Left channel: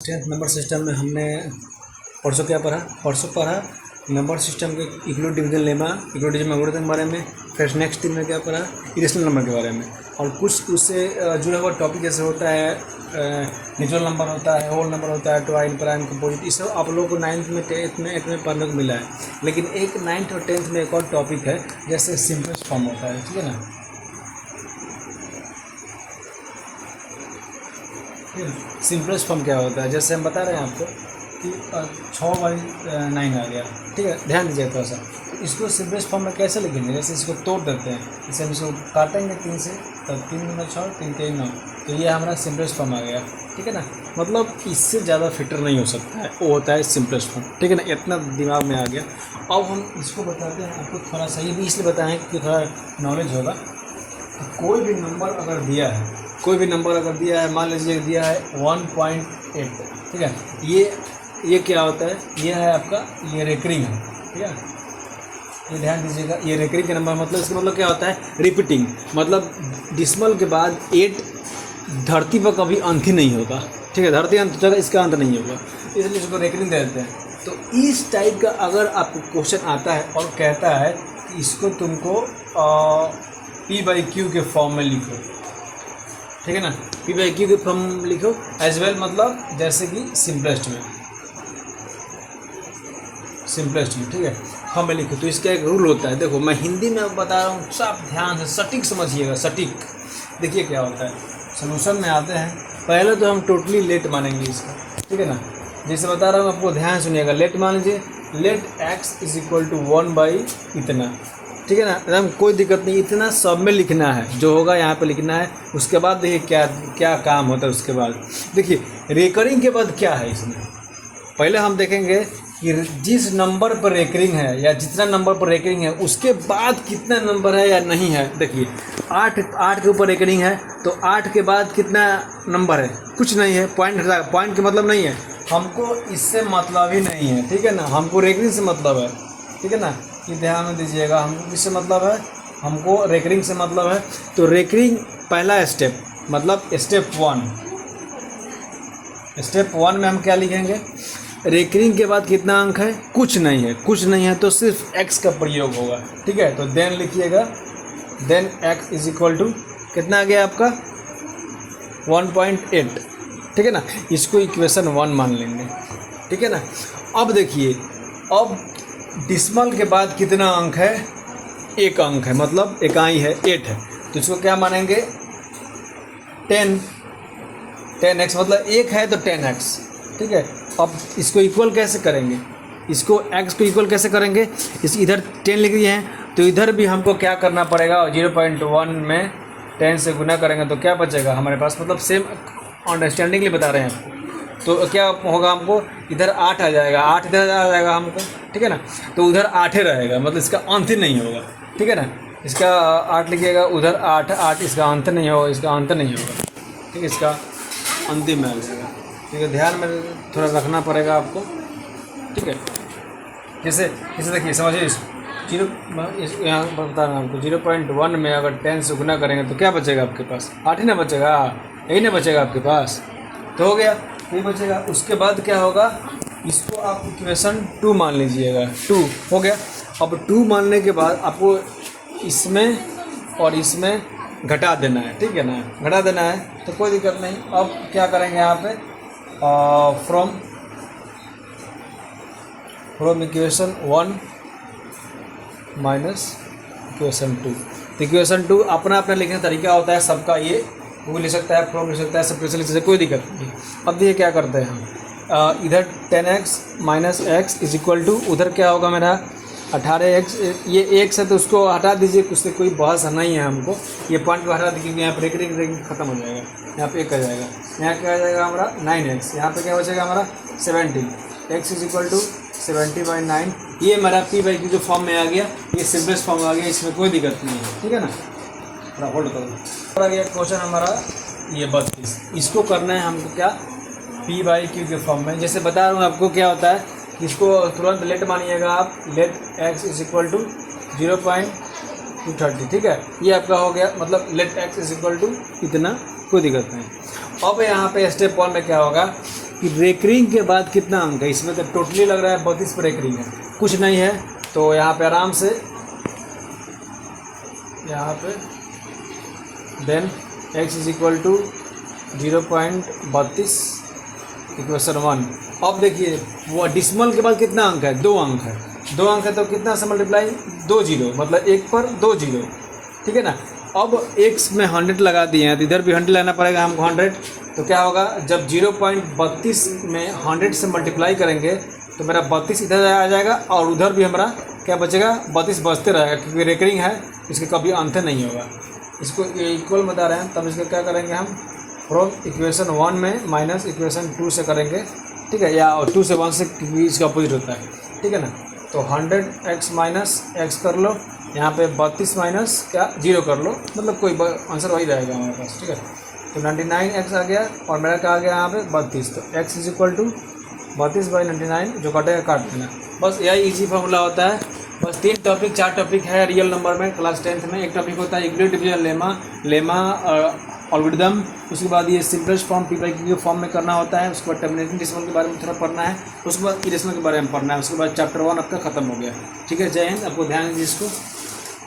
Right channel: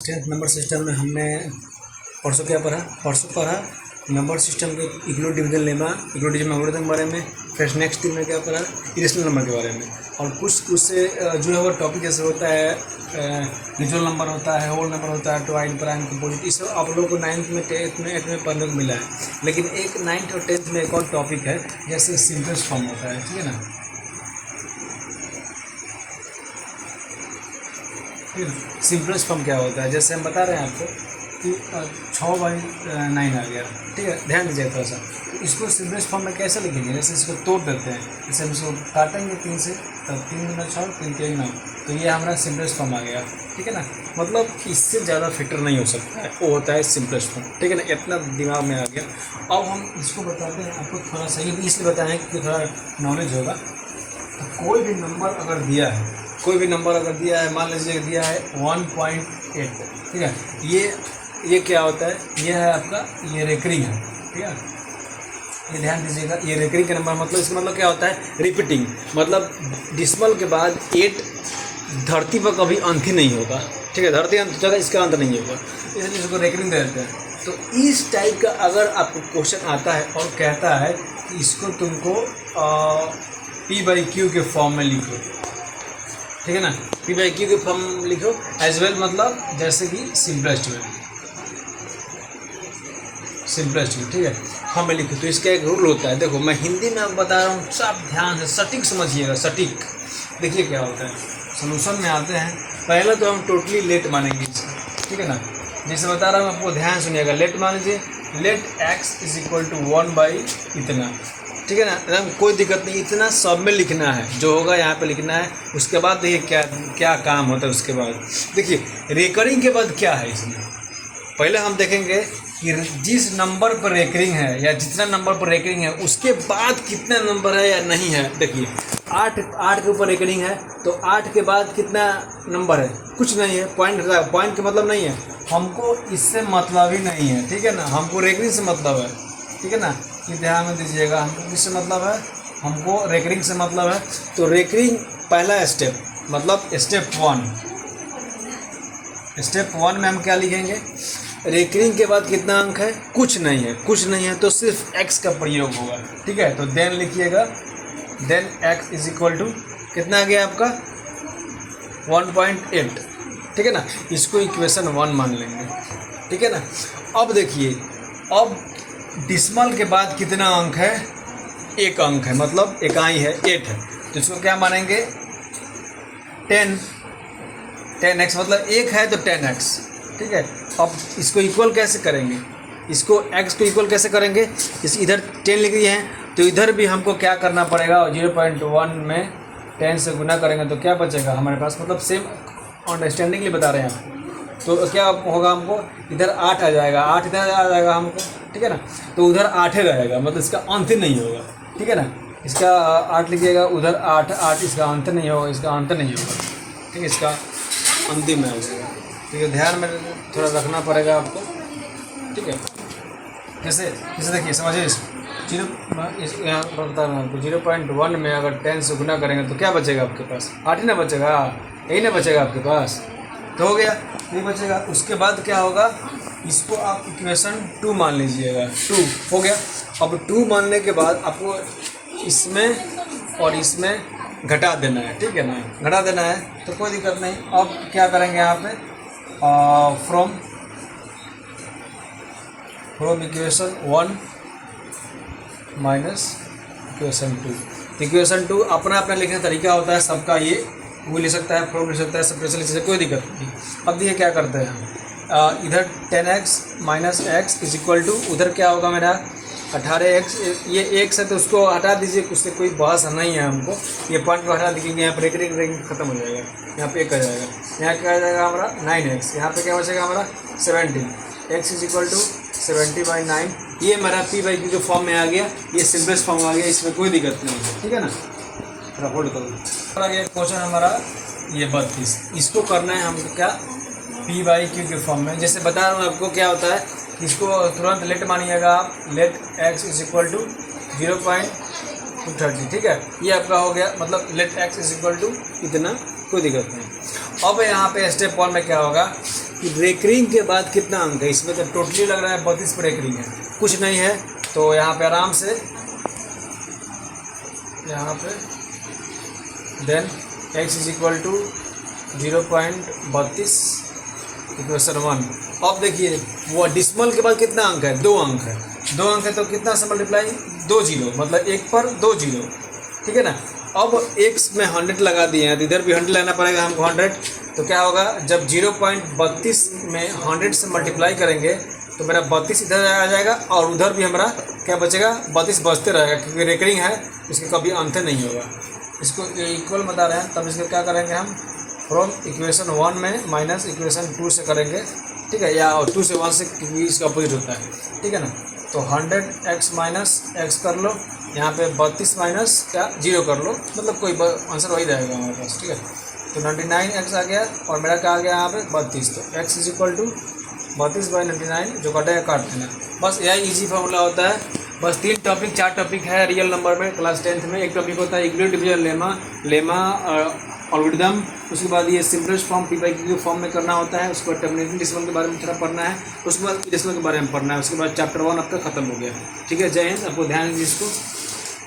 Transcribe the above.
Tenth number system में हमने परसों पढ़ा नंबर सिस्टम के equal division lemma, equal division algorithm के बारे में। फिर नेक्स्ट दिन में क्या पढ़ा, इरेशनल नंबर के बारे में। और कुछ उससे जो है वो टॉपिक जैसे होता है नेचुरल नंबर होता है, होल नंबर होता है, ट्वाइन प्राइम कंपोजिट, ये सब आप लोगों को 9th में 10th में 8th में पढ़ने को मिला है। लेकिन एक 9th और 10th में एक और टॉपिक है जैसे सिंपलेस्ट फॉर्म होता है, ठीक है ना। फिर सिंपलेस्ट फॉर्म क्या होता है, जैसे हम बता रहे हैं आपको कि 6/9 आ गया, ठीक है। ध्यान दीजिए थोड़ा सा, इसको सिंपलेस्ट फॉर्म में कैसे लिखेंगे, जैसे इसको तोड़ देते हैं, जैसे हम इसको काटेंगे 3 से, तब 3 गुना 6 3 3 9, तो ये हमारा सिंपलेस्ट फॉर्म आ गया, ठीक है ना। मतलब इससे ज़्यादा फिटर नहीं हो सकता है, वो होता है सिंपलेस्ट फॉर्म, ठीक है ना। इतना दिमाग में आ गया। अब हम इसको बताते हैं आपको, थोड़ा सा ये भी इसलिए बताएं कि थोड़ा नॉलेज होगा। तो कोई भी नंबर अगर दिया है, मान लीजिए दिया है 1.8, ठीक है। ये क्या होता है, ये है आपका, ये रेकरिंग है, ठीक है। ये ध्यान दीजिएगा, ये रेकरिंग का नंबर, मतलब इसका मतलब क्या होता है, रिपीटिंग। मतलब डिसिमल के बाद 8 धरती पर कभी अंत ही नहीं होता, ठीक है। धरती अंत जगह इसका अंत नहीं होगा, इसलिए इसको रेकरिंग दे देते हैं। तो इस टाइप का अगर आपको क्वेश्चन आता है और कहता है कि इसको तुमको P/Q के फॉर्म में लिखो, ठीक है ना। P/Q के फॉर्म लिखो एज वेल, मतलब जैसे कि सिंपलेस्ट में, ठीक है, फॉर्म में लिखो। तो इसका एक रूल होता है, देखो मैं हिंदी में बता रहा हूँ, सब ध्यान से सटीक समझिएगा, सटीक। देखिए क्या होता है, सोल्यूशन में आते हैं। पहले तो हम टोटली लेट मानेंगे इसका, ठीक है ना। जैसे बता रहा हूँ आपको, ध्यान सुनिएगा। लेट मान लीजिए, लेट x = 1/इतना, ठीक है ना। एकदम कोई दिक्कत नहीं, इतना सब में लिखना है, जो होगा यहाँ पे लिखना है। उसके बाद देखिए क्या क्या काम होता है। उसके बाद देखिए रेकरिंग के बाद क्या है इसमें, पहले हम देखेंगे कि जिस नंबर पर रेकरिंग है या जितना नंबर पर रेकरिंग है उसके बाद कितना नंबर है या नहीं है। देखिए 8 के ऊपर रेकरिंग है, तो 8 के बाद कितना नंबर है, कुछ नहीं है। पॉइंट के मतलब नहीं है, हमको इससे मतलब ही नहीं है, ठीक है ना। हमको रेकरिंग से मतलब है, ठीक है ना। ये ध्यान में दीजिएगा, हमको किससे मतलब है, हमको रेकरिंग से मतलब है। तो रेकरिंग पहला स्टेप, मतलब स्टेप 1 में हम क्या लिखेंगे, रेकरिंग के बाद कितना अंक है, कुछ नहीं है, तो सिर्फ x का प्रयोग होगा, ठीक है। तो देन लिखिएगा, देन x = कितना आ गया आपका 1.8, ठीक है ना। इसको इक्वेशन 1 मान लेंगे, ठीक है ना। अब देखिए, अब डिसिमल के बाद कितना अंक है, एक अंक है, मतलब इकाई है 8 है। तो इसको क्या मानेंगे, 10x, मतलब 1 है तो 10x, ठीक है। अब इसको इक्वल कैसे करेंगे, इसको x को इक्वल कैसे करेंगे, इस इधर 10 लिख दिए हैं, तो इधर भी हमको क्या करना पड़ेगा, 0.1 में 10 से गुना करेंगे तो क्या बचेगा हमारे पास, मतलब सेम अंडरस्टैंडिंग लिए बता रहे हैं आपको। तो क्या होगा, हमको इधर 8 आ जाएगा, 8 इधर आ जाएगा हमको, ठीक है ना। तो उधर 8 ही रहेगा, मतलब इसका अंत ही नहीं होगा, ठीक है ना। इसका 8 लिखिएगा, उधर 8 इसका अंत नहीं होगा, ठीक है। इसका अंतिम में आ जाएगा, ठीक है। ध्यान में थोड़ा रखना पड़ेगा आपको, ठीक है। जैसे देखिए, समझिए इसको, यहाँ बता रहा हूँ आपको, 0.1 में अगर 10 से गुना करेंगे तो क्या बचेगा आपके पास, 8 ही ना बचेगा, यही ना बचेगा आपके पास, तो हो गया, ये बचेगा। उसके बाद क्या होगा, इसको आप इक्वेशन 2 मान लीजिएगा, 2 हो गया। अब 2 मानने के बाद आपको इसमें और इसमें घटा देना है, ठीक है ना, घटा देना है, तो कोई दिक्कत नहीं। अब क्या करेंगे यहाँ पे, फ्रॉम इक्वेशन 1 माइनस इक्वेशन 2। तो इक्वेशन 2 अपना लिखने का तरीका होता है सबका, ये वो लिख सकता है, फ्रॉम लिख सकता है, सब लिख सकता है, कोई दिक्कत नहीं। अब देखिए क्या करते हैं हम, इधर 10x माइनस x = उधर क्या होगा मेरा 18x, ये x है तो उसको हटा दीजिए, उससे कोई बहस नहीं है हमको। ये पॉइंट को हटा दीजिए, यहाँ पर रेकरिंग खत्म हो जाएगा, यहाँ पे 1 आ जाएगा, यहाँ क्या आ जाएगा हमारा 9x, यहाँ पे क्या बचेगा हमारा 17, x = 70/9। ये हमारा P/Q जो फॉर्म में आ गया, ये सिंपलेस्ट फॉर्म आ गया, इसमें कोई दिक्कत नहीं है, ठीक है ना। थोड़ा होल्ड करो। आ गया क्वेश्चन हमारा ये 32, इसको करना है हमको क्या, P/Q के फॉर्म में। जैसे बता रहा हूँ आपको क्या होता है, इसको तुरंत लेट मानिएगा आप, लेट x = 0.230, ठीक है। ये आपका हो गया, मतलब लेट x = इतना, कोई दिक्कत नहीं। अब यहाँ पे स्टेप 1 में क्या होगा, कि रेकरिंग के बाद कितना अंक है। इसमें तो टोटली लग रहा है 32 पर रेकरिंग है, कुछ नहीं है। तो यहाँ पे आराम से यहाँ पे then x is equal to 0.32 equation 1। अब देखिए वो डिसमल के बाद कितना अंक है, 2 अंक है। 2 अंक है तो कितना से मल्टीप्लाई, 2 जीरो, मतलब 1 पर 2 जीरो, ठीक है ना। अब x में 100 लगा दिए हैं तो इधर भी 100 लाना पड़ेगा हमको 100। तो क्या होगा, जब 0.32 में 100 से मल्टीप्लाई करेंगे तो मेरा 32 इधर आ जाएगा और उधर भी हमारा क्या बचेगा, 32 बचते रहेगा, क्योंकि रेकरिंग है इसका कभी अंत नहीं होगा। इसको इक्वल बता रहे हैं, तब इसको क्या करेंगे हम, फ्रॉम इक्वेशन 1 में माइनस इक्वेशन 2 से करेंगे, ठीक है, या 2 से 1 से, क्योंकि इसका अपोजिट होता है, ठीक है ना। तो 100x माइनस एक्स कर लो, यहाँ पे 32 माइनस क्या 0 कर लो, मतलब कोई आंसर वही रहेगा हमारे पास, ठीक है। तो 99x आ गया और मेरा क्या आ गया यहाँ पे 32। तो x इज इक्वल टू 32/99, जो कटेगा काट देना। बस यही इजी फॉर्मूला होता है। बस 3 टॉपिक 4 टॉपिक है रियल नंबर में क्लास 10th में। एक टॉपिक होता है इक्विलिब्रियम डिवीजन लेमा एल्गोरिथम, उसके बाद ये सिंपलेस्ट फॉर्म पी/क्यू के फॉर्म में करना होता है। उसके बाद टर्मिनेटिंग डेसिमल के बारे में थोड़ा पढ़ना है, उसके बाद इरेशनल के बारे में पढ़ना है। उसके बाद चैप्टर 1 आपका खत्म हो गया, ठीक है। जय हिंद, आपको ध्यान दीजिए इसको।